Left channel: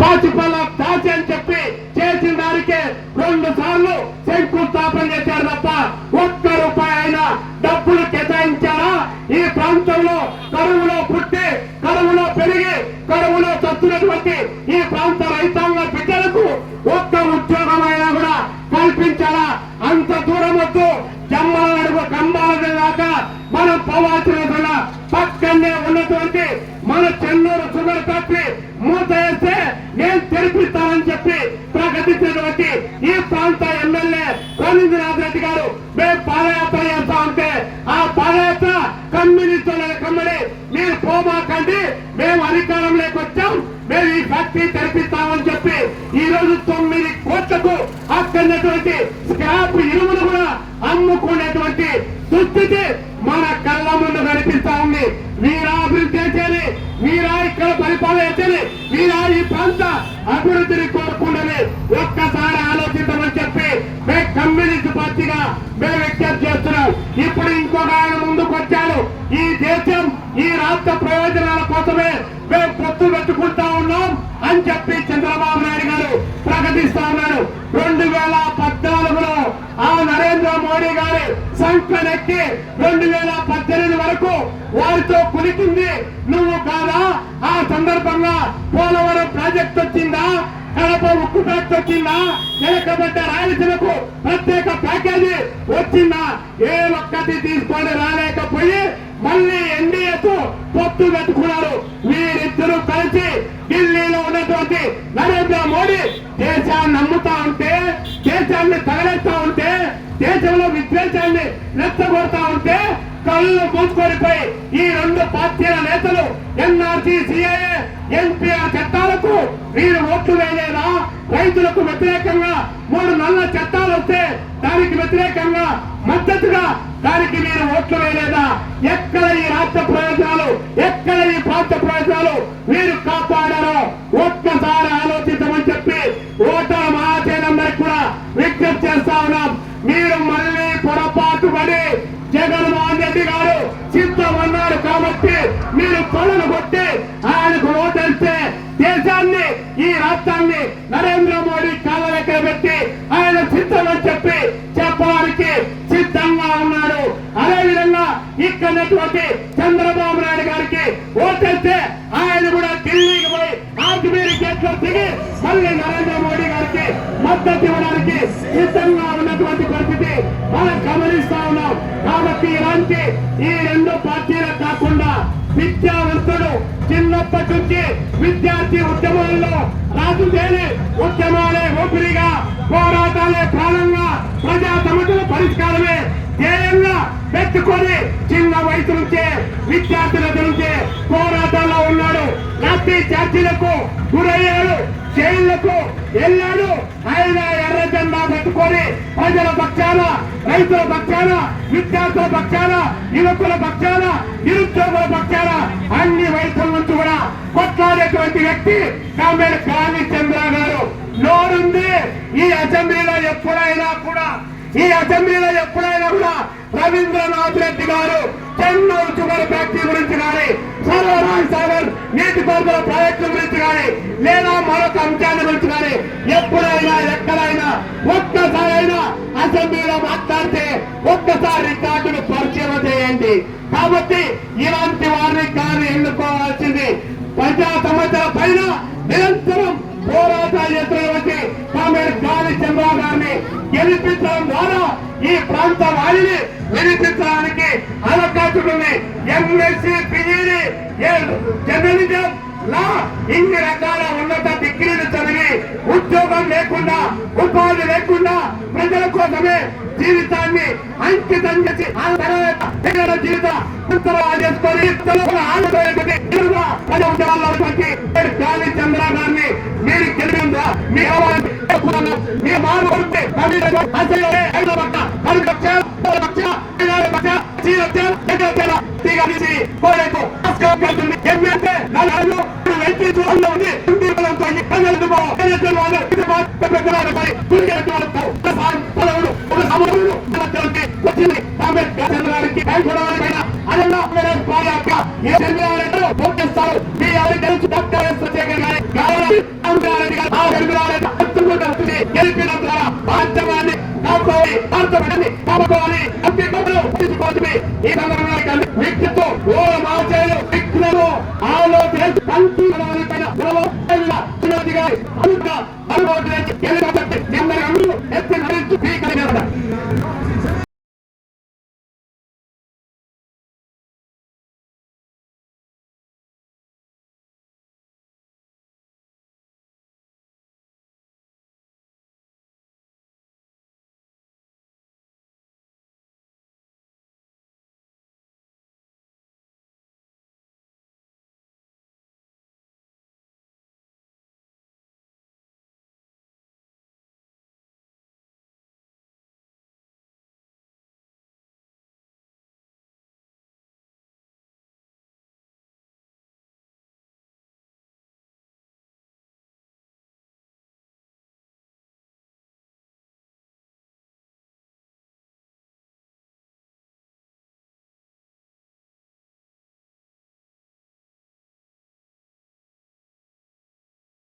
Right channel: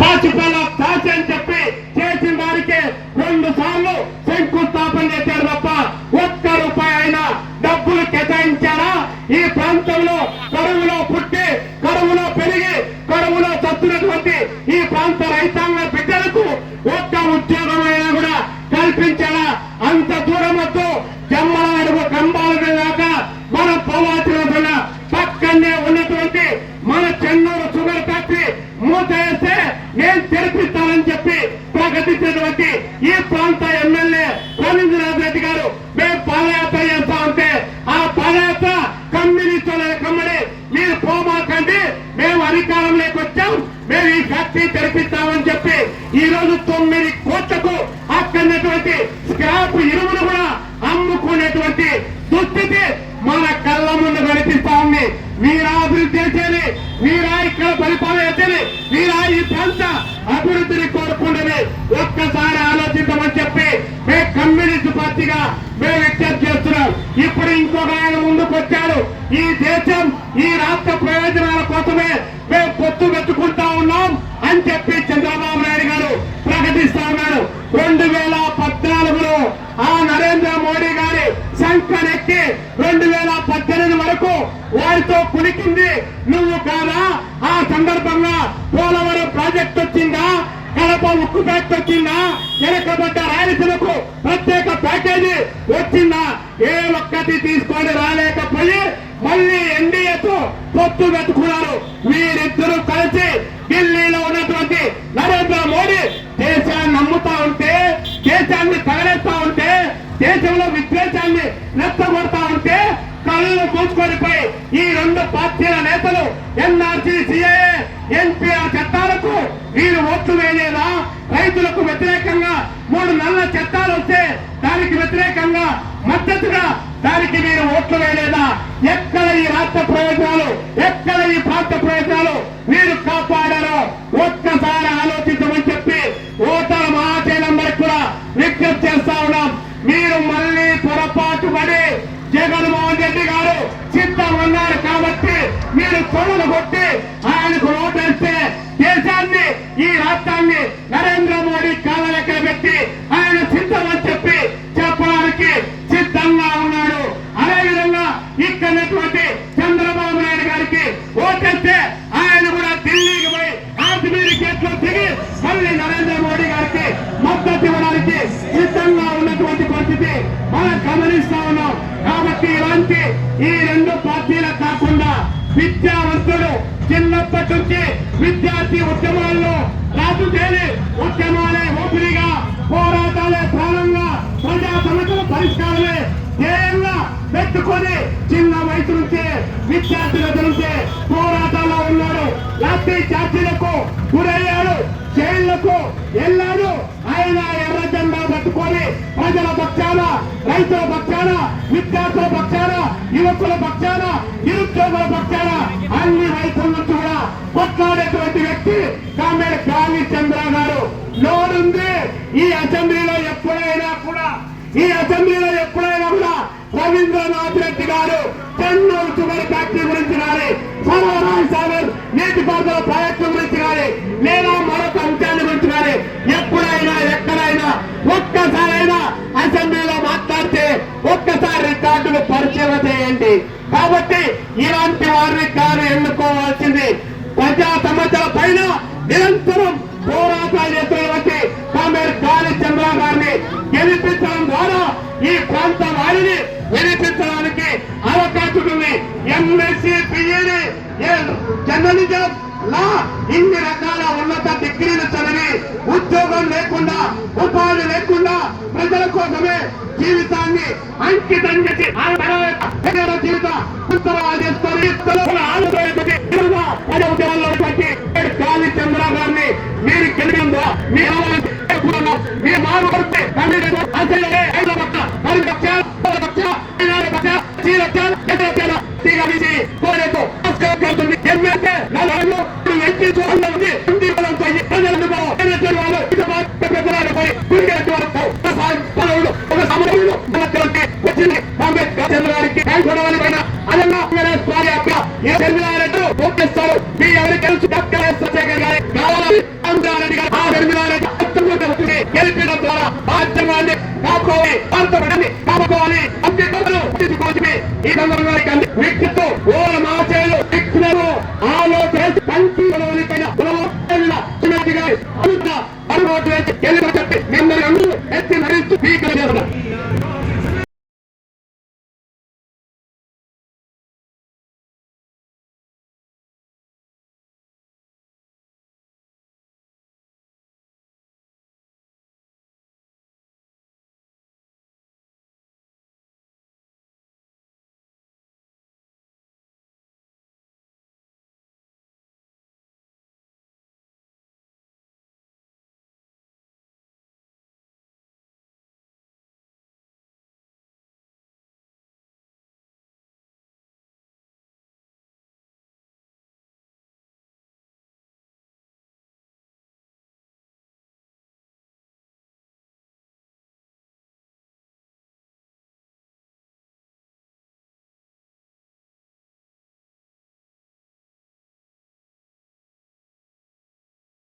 పాచిపల్ల కాచి అని చెప్పి చేసిన దానికి రెండు సార్లు శంకుస్థాపన చేశారు తప్ప ఒక్క రూపాయి ఆయన డబ్బులు కేటాయించారా? ఈ ప్రాంతంలో కరువులో పుట్టి కరువులో పెరిగి కరువులో చస్తున్నటువంటి ఈ ప్రాంత రైతాంగ బిడ్డలకు ఒక్క ఉద్యోగమైనా కూడా కల్పించారా కంబాల మనం పోవాల్సిన కూడా పక్కనే ఉన్నటువంటి మన చెన్నూరు షుగర్ ఫ్యాక్టరీ మూత వేస్తే నేను తెరిపిస్తానని చెప్పి ప్రకటించినటువంటి ఈ ప్రాంత ఎమ్మెల్యే రవీంద్రనాథ్ రెడ్డి గారు మేము పాదయాత్ర చేస్తా ఉంటే ఆ పాదయాత్ర కమ్యూనిస్టుల కమ్మడి మీరు పోమాకండి మేము అధికారంలోకి వచ్చాం మేము ఈ ఫ్యాక్టరీ తెరిపిస్తామని చెప్పి ఈ రోజు తొమ్మిది కోట్లకు అక్కడటువంటి స్క్రాప్ ఇరువును కూడా అమ్ముకునేటువంటి దుస్థితి మన కళ్ళ ముందు కనిపిస్తా ఉంది. మీరా అభివృద్ధి చేసేది మీరా ఇక్కడ పరిపాలన చేసేది మీరా ఈ ప్రాంత అభివృద్ధిని కోరుకుండని ఒక్కసారి ఆలోచించమని చెప్పి మేము కమ్యూనిస్ట్ పార్టీగా మేము ఎక్సెప్ట్ చేస్తున్నాం ఇప్పుడు ఇంకొక ఆయన ముందుకు వచ్చాడు. ఈ దేశం ఈ రాష్ట్ర ప్రయోజనాల కోసమే మేము పొత్తు పెట్టుకుంటా ఉన్నాం అని చెప్పి చంద్రబాబు నాయుడు గారు ప్రకటిస్తా ఉన్నారు రెండు వేల పద్నాలుగులో ఆ నరేంద్ర మోడీ గారి సంఖ్యనెక్కి రెండు వేల పద్దెనిమిది వరకు వారితో కులికింది నువ్వు కాదా? ఆ సందర్భంగా పోలవరం ప్రాజెక్ట్ వచ్చిందా? కడప ఉక్కు ఫ్యాక్టరీ వచ్చిందా వెనకబడ్డ రాయలసీమకు ప్రత్యేక ప్యాకేజీ వచ్చిందా? ఏ ఒక్కటి తీసుకొని రాలేకపోయి మళ్ళీ ఎన్డీఏతో పొత్తు పెట్టుకున్నారు. వీరిద్దరూ కలిసి ఢిల్లీలో ఉన్నటువంటి నరేంద్ర మోడీ దేశాన్ని నమ్ముతా ఉంటే దేశాన్ని తగలేస్తా ఉంటే దేశంలో విద్వేషాన్ని నచ్చబడతా ఉంటే కళ్ళు మూసుకొనిపోయి ఈ రెండు పార్టీల నేతలు ఎన్ఆర్సీ సిఐఏ ఎన్పిఆర్ చట్టాలకు మీరు ఓట్లు వేయలేదా? రైతులకు వ్యతిరేకంగా మూడు నల్ల చట్టాలు వస్తే దానికి వ్యతిరేకంగా మద్దతుగా దానికి మీరు ఓట్లు వేయలేదా? ఎక్కడ ఈ రాష్ట్ర పాటు పడి జగన్మోహన్ రెడ్డి గారు సిద్ధం ఉన్నారు కాబట్టి మీరు తొడలు కొట్టి ఆయనకు ఓటేస్తే దేశాన్ని ఈ రాష్ట్రాన్ని నరేంద్ర మోడీ కాలలెక్కన పెట్టి ఆయన సిద్ధం అని చెప్పి చెప్పడానికి సిద్ధంగా ఉన్నాడు. అదేవిధంగా ఇక్కడటువంటి చంద్రబాబు నాయుడు గారికి ఓటేస్తే ఆయన కూడా ఢిల్లీకి పోయి ఆజ్మీర్ చెట్లు దిగి మళ్ళీ నరేంద్ర మోడీ గారికి మద్దతు ఇవ్వడానికి సిద్ధంగా ఉన్నటువంటి మనం గమనిస్తా ఉన్నాం. కాబట్టి ఇలాంటి ఈ రెండు పార్టీలు కాకుండా విద్యావంతుడు చిన్నప్పటి నుంచి విద్యార్థి ఉద్యమాల్లో రాజుదేని ఉద్యమాలే ఊపిరిగా పోరాటాలే ప్రాణంగా ప్రజా సమస్యల పరిష్కారమే ధ్యేయంగా పెట్టుకొని చిన్న వయసు నుంచే విద్యార్థుల నుంచే పోరాటాల్లో ఉన్నాడు. లాఠీ చార్జీలకు గురయ్యాడు జైళ్ళకు వెళ్ళాడు. ఆయన ఎర్ర జెండా పట్టుకొని ప్రజల పక్షాన రైతుల పక్షాన విద్యార్థుల పక్షాన యువకుల పక్షాన నిరుద్యోగుల పక్షాన అన్ని వైపుల నుంచి కూడా కొట్లాడేటువంటి వ్యక్తి కామెడ కాళీ చంద్ర గారు. నోరుంది ఈ అసెంబ్లీలో ఎప్పుడైనా కూడా ఈ అసెంబ్లీలో ఎప్పుడైనా కూడా రవీంద్రనాథ్ రెడ్డి గారు చెన్నూరు షుగర్ ఫ్యాక్టరీ గురించి కానీ సర్వరాజ్ సాగర్ నీటిపారుదల ప్రాజెక్టుల గురించి కానీ లేదా మరొక అంశాల గురించి కానీ ఎప్పుడైనా ఎక్కడైనా ఒక్కసారైనా అసెంబ్లీలో మాట్లాడితే ఒక్కసారి రికార్డును పరిచయం చేయండి. కాబట్టి ఇలాంటి వారిని కాదు ఎన్నుకోవాల్సింది. ప్రజా సమస్యల పైన నిరంతరం పోరాటాలు ఎదురు గారిని గెలిపించడం ద్వారా ఈ ప్రాంత వారిని గెలిపించడానికి అవకాశం ఉంది ఎంఎస్సీ పిఈని జర్నలిజం లా ఇన్ని రకాల ఉన్నత డిగ్రీలు చదివి ఉద్యోగం లేకుండా ఉపాధి లేకుండా ప్రజల కోసమే జీవితాన్ని అంకితం చేసి ఆ తర్వాత జీవితం ఉత్తరాలు చేసుకొని చంద్ర గారిని ఏంటంటే నలుగురు వెంకీ చూడంలో ఉంది ఇంటికి మీ ఎవరికైనా డాక్టర్ ఎస్ చంద్రశేఖర్ గారి కావాలి? రామగారెడ్డి గారు. ఆ వెంకటారెడ్డి అత్యంత వస్తుంది గెలిపించడం ద్వారా ఈ సందర్భంగా వ్యక్తిత్వం ఓ మాచలు அறிவாட்டு எதிர்ப்பு நம்மை அங்கு எத்தனை அறிவித்து நீக்கிறது